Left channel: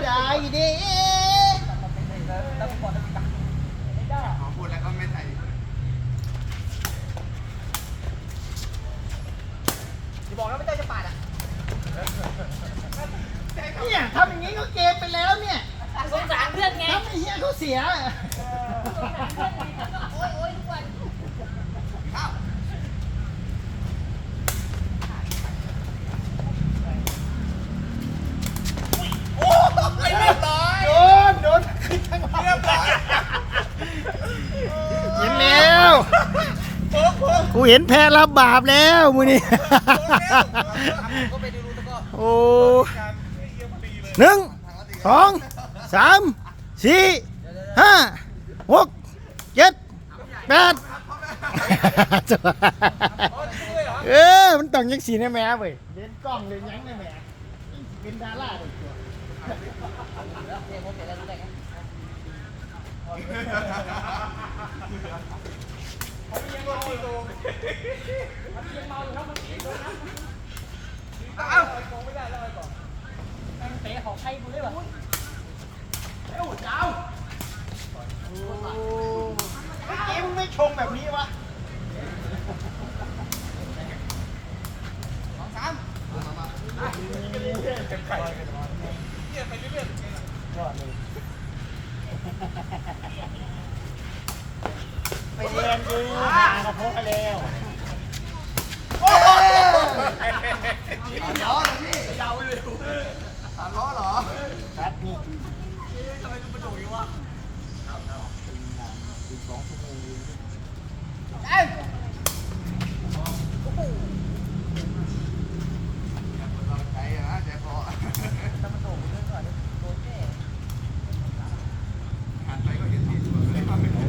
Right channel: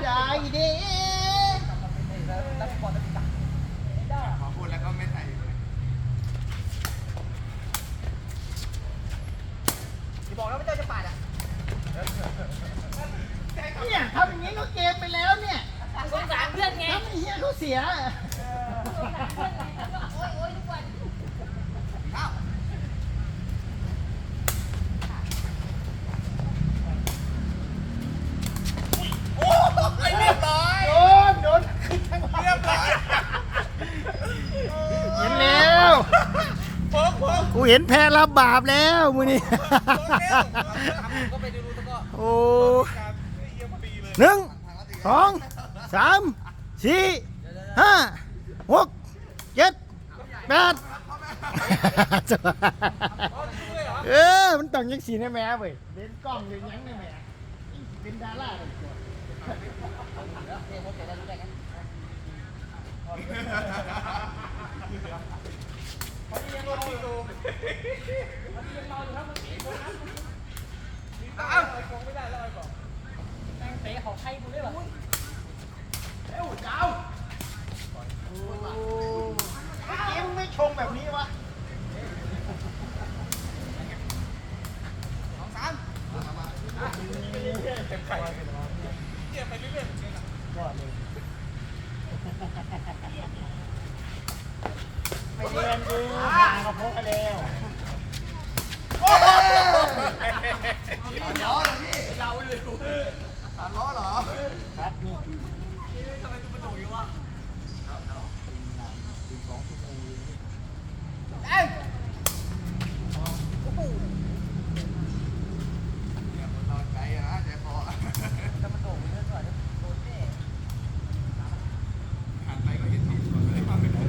ดิขอพูดแล้วก็ไม่ใส่บอกแล้วว่าเจ้าจะปาดอะเนี่ยทำอย่างนี้ก็เกมไปแล้วเนี่ยสงสารเพื่อนไงทำไอ้เหี้ยเขาเสียโอ้ยโอ้ยทุกวัน ข้าว ไอ้เรียบร้อย โอ้ยโดนขึ้นทั้งวัน เรียบร้อย เห็นแล้ว โค้งโค้ง กู เห็นแพ้รับบาปแล้วมือนี่ก็ไปดูตะก้อโอ้การเยี่ยมพอดีเลยหนึ่งสองสามสี่ห้าหกเจ็ดแปดอ๋อช่วยเหรอเออมันต้องยังสีในแม่เว้ยเล่นกล้องเลยยังในแม่เป็นดาราเลยตัวเดี๋ยวผมเสร็จแล้วรู้ได้ไงพอดียังเมาอยู่พอดียังเมาอยู่ครับเมื่อกี้โดนน้ำอ้าวไอ้กงไม่ได้แล้วไอ้บอกแม่งเตะของใครกูด้วยวะเอ้าเจ้าเกมไม่ชงแบบนี้วะ สองสามมามามา เต็มไข่เยี่ยไปเรื่อยๆเรื่อย ยอดเลย ไปเรียนดูหากระเพาะแล้วสามล้อเหรอพี่ๆเราเลยสามล้อเหรอครับนี่ทำไมกูประโดดอยู่วะอย่าคนเราใจอะนะใจคอ ถ้ามันโดดเรื่อยๆก็โดนแน่ หันไปก็เห็นพี่สวนไปเลยว่าไม่ได้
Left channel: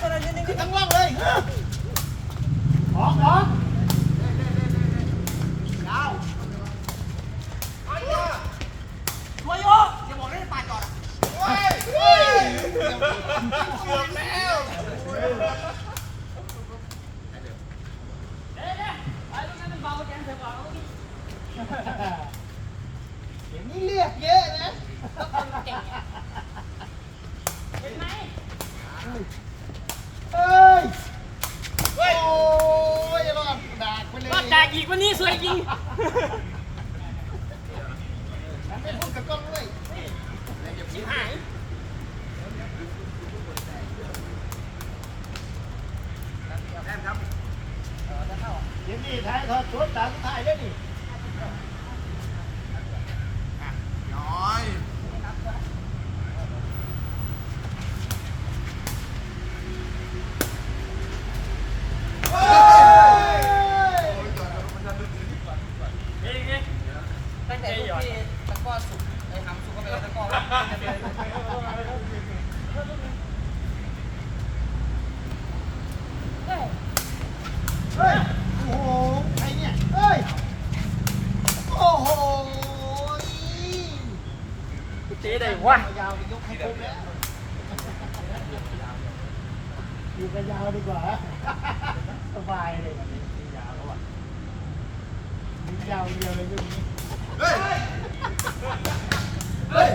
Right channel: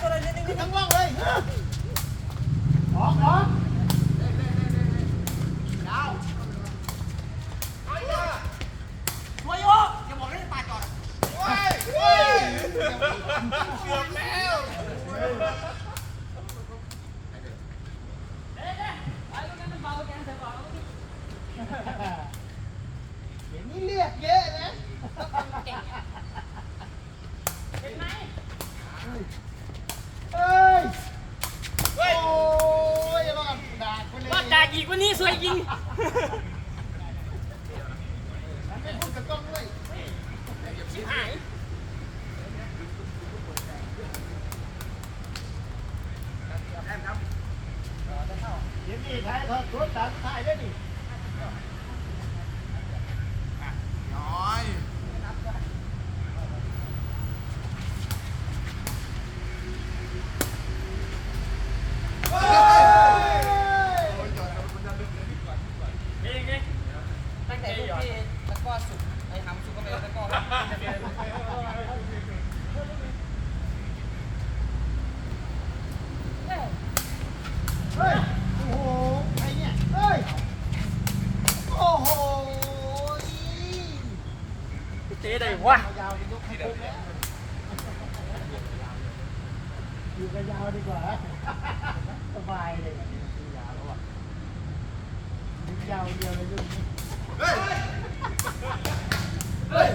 ตัวนั้นนิ่ง ทั้งว่างเลยออกออก ๆไอ้ยาตัวโยอย่าบอกให้ปาดก่อน เฮ้ย เกือบแล้ว เดี๋ยวนี้เรียกเยอะนะ เห็นไหม เอ้ยโอ้ยรอดดากไปเลย ว่าด่า อีกวันนี้สวยจริงฉันไม่พูดกับกล้องด้วยชิบหายเดี๋ยวนี้ถ่ายทอดสดตางถ่ายได้ดิ อยู่กันยาวดีกว่า สบายเลยแบบนี้ยาวแล้วอะยาวเดียวเลยยุคนี้เฮ้ย เฮ้ย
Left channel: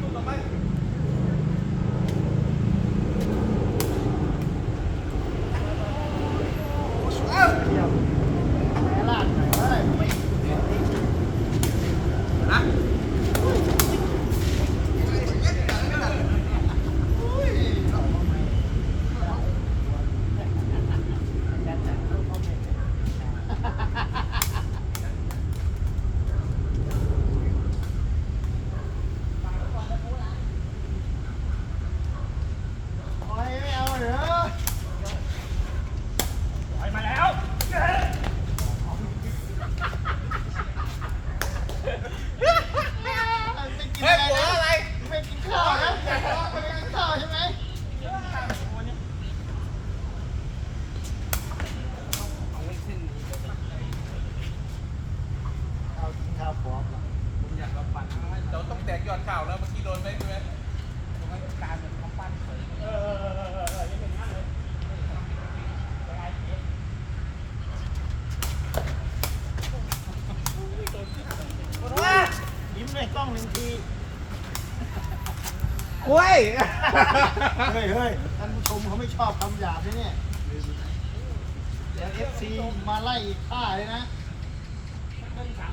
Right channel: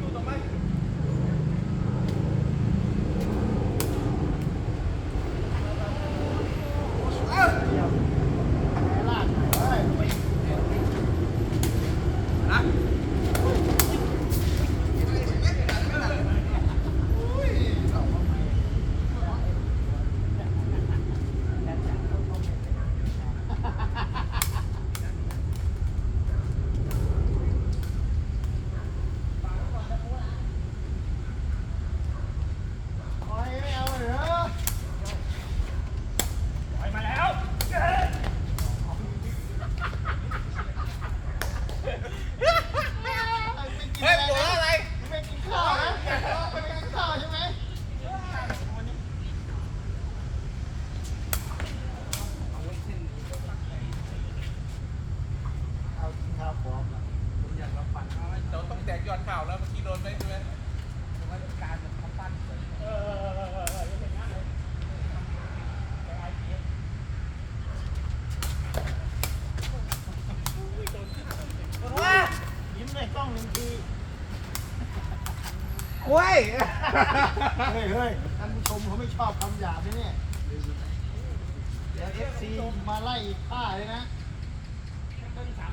สุกลงไปเอ้าเดียวลากไปเฮ้ยนะ ข่าวแล้วเมื่อกี้โดนไหมใช่ไหมโดนไห้การเหมือนคำปั้นเฉยเออเออเอยังเป็นงั้นเลยไอ้เจ๊โดนควยิ้มในกล้องหนึ่งทีโอ้ยเฮ้ยเฮ้ยท่านผู้ชมเขาไม่ชอบคำหยาบใช่เนี่เอฟซีมาไล่ป้าเลยนะต้องสาม